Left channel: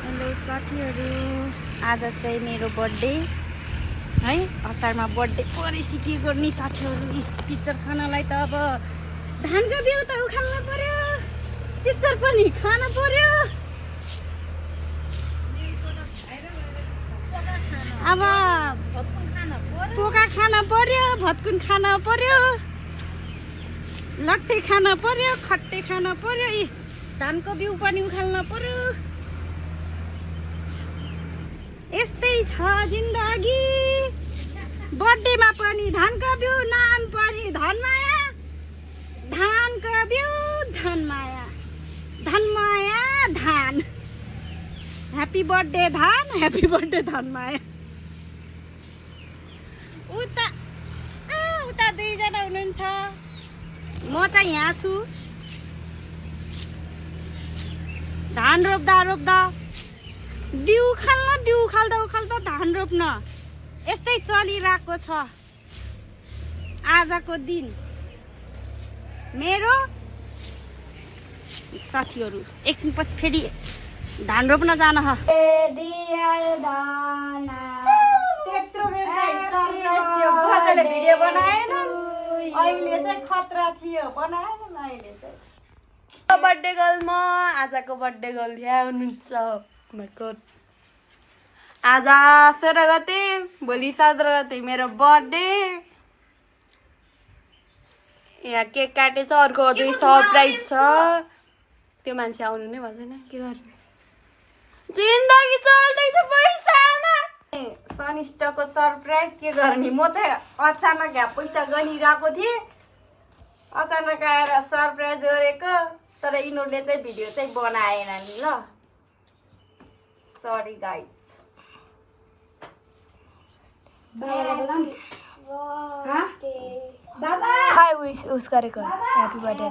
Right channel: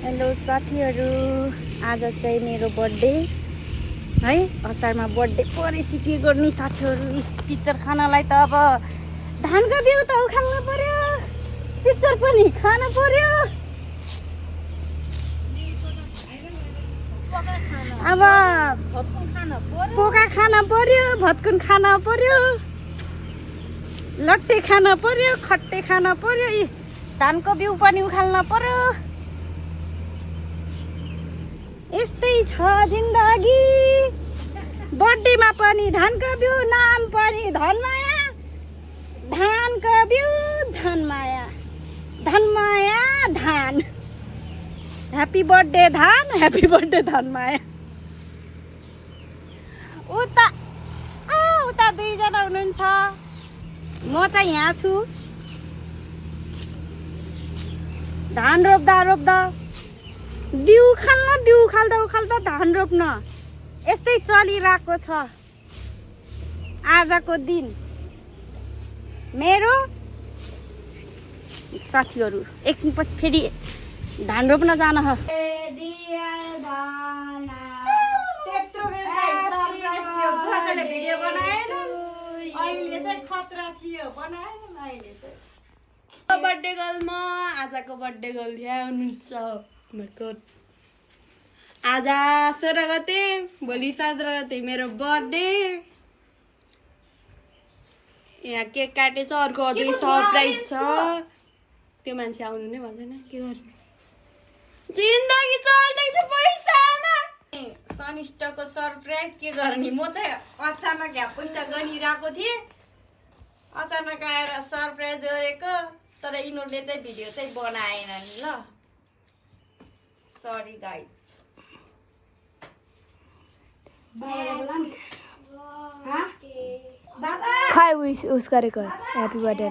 Hello साथीहरू, आज चाहिँ मेरो बर्थडे है। असारमा बर्थडे परेपछि के गर्ने साथीहरू? चिच्चर खानलाई त अब धानको बिउ त उखाल्नु पर्यो, चिच्चर पनि खानु पर्यो। अब पोका खान पर्यो, भत्कुन खान पर्यो, लट्टे खान पर्यो, खट्टे खान पर्यो, धानको बिउ पनि उखाल्न पर्यो। यस्तै छ जिन्दगी। बर्थडेमा पनि धानको बिउ, नाम पनि धनमाया, धानको बिउ धनमाया, धनमाया धान। ह्याप्पी बर्थडे धान, ह्याप्पी बर्थडे धनमाया। उता दुईजना हुनुहुन्छ, म चाहिँ यहाँ छु। धान रोप्दा बिउ उखाल्दा धान रोप्न यस्तै चलिरहेको छ आजको दिन। मेरो साथीहरू एकछिन पछि फेरि धान रोप्न जान ह। भिडियो बनाएन अहिले चाहिँ खतरा थियो, बनाएन अहिले चाहिँ। बर्थडे गर्ल म आजको बर्थडे गर्ल यहाँ हुनुहुन्छ। आज 16 गते, भोलि 17 गते मेरो बर्थडे। यहाँ केक काटेछ, अर्को अझै सरप्राइज छ। त्यो मान्छे आउनु नै भएन, के गर्नु? जिन्दगी चल्दैछ पैसामा। शनिष्ठको सरप्राइज के गर्ने? म चाहिँ अचानक यहाँ पैसा गनिरहेको थिएँ, अचानक आएर सरप्राइज गरेको। तर यिनीहरूले चाहिँ भिडियो चाहिँ बनाएन नि ल। Sorry guys. उस गरेको ह्याप्पी बर्थडे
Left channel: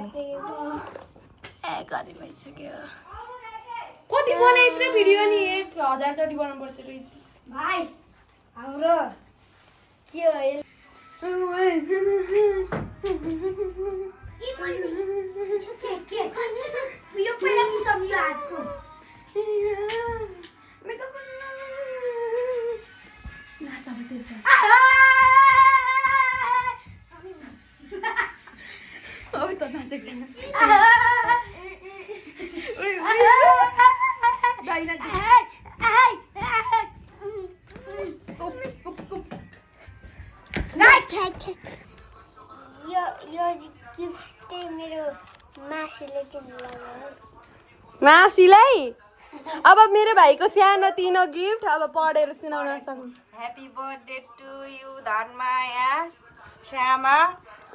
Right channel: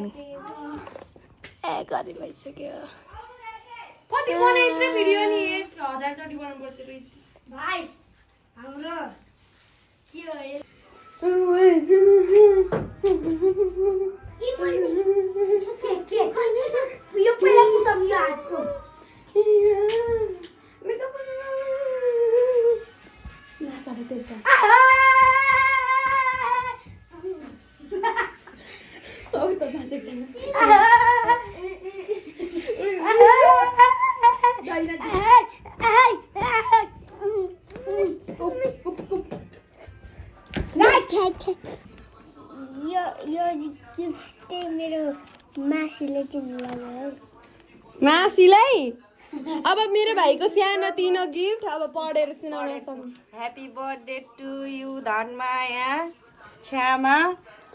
कति बनाइस रे भिडियो नि? 1000 जति बनाउनु पर्छ रे भाइ। हाम्रो के हो यो पहिला कि सब यो हातको मेकअप नाच अब त्यो अब त नाचेको यो गिफ्ट मेरो मासीले दिनुभयो। मासीलाई अब मेरो भाइको सानो तिनो गिफ्ट अब पढेर सुनाउन सक्नु। Happy birthday to you Dhanmaya Chhyama.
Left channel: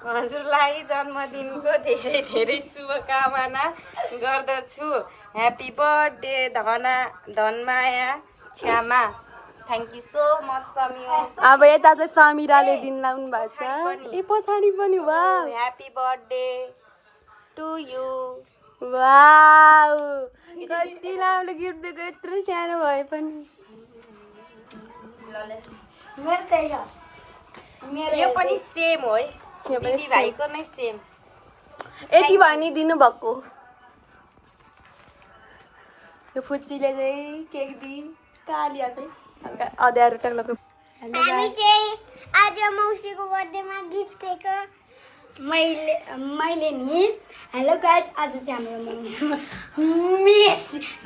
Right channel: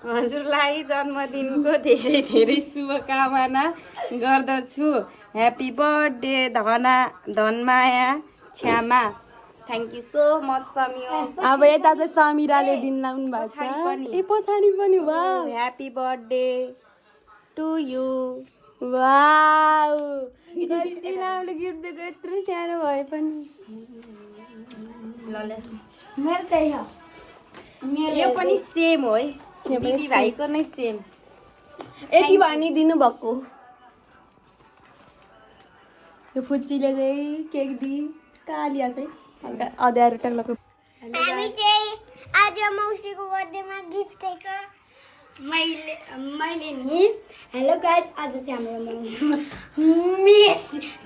हजुरलाई जन्मदिनको धेरै धेरै शुभकामना गर्दछु। Happy birthday Dhanmaya Chhyama. Thank you so much Sami. अब यता चाहिँ समिराले दिन लाउनु भएको छ। पछाडि पनि wow, happy birthday to you. Wow, कति राम्रो गिफ्ट दिएको, यत्रो सानो भए पनि। मेरो त्यही हो। यो पनि सेम हो है, दिदी भाइको नै सेम। यति भनी दिनु भएको। यो फुच्चीले चाहिँ केक दिई कालिया चाहिँ अध्यारो टक्लको। हामी चाहिँ आज मौसीको बर्थडेमा गिफ्ट दिएको। मैले नि हेलो गाइज, आज चाहिँ हाम्रो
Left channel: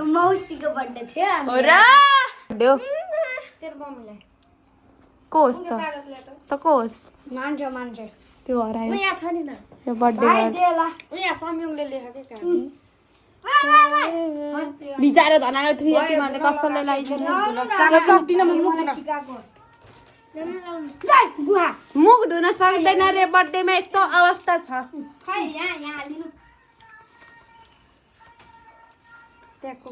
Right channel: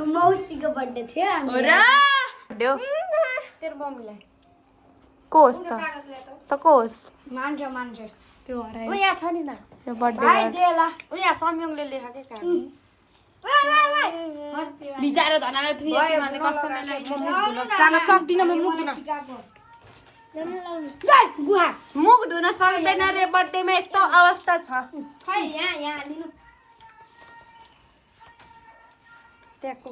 मौसीको बर्थडे थियो। तेरो मम्मीलाई कोस त कोस मान्छ त्यो हरायो। यहाँ छ नि त्यो बर्थडे यहाँ संयोगले लेखेको काम बिचारो धनाले थियो। तिमीले कसले लाइदिनु चाल सक्दिन म मुख धुन सक्दैन रे। बर्थडेमा यस्तो अवस्था छ। त्यहाँको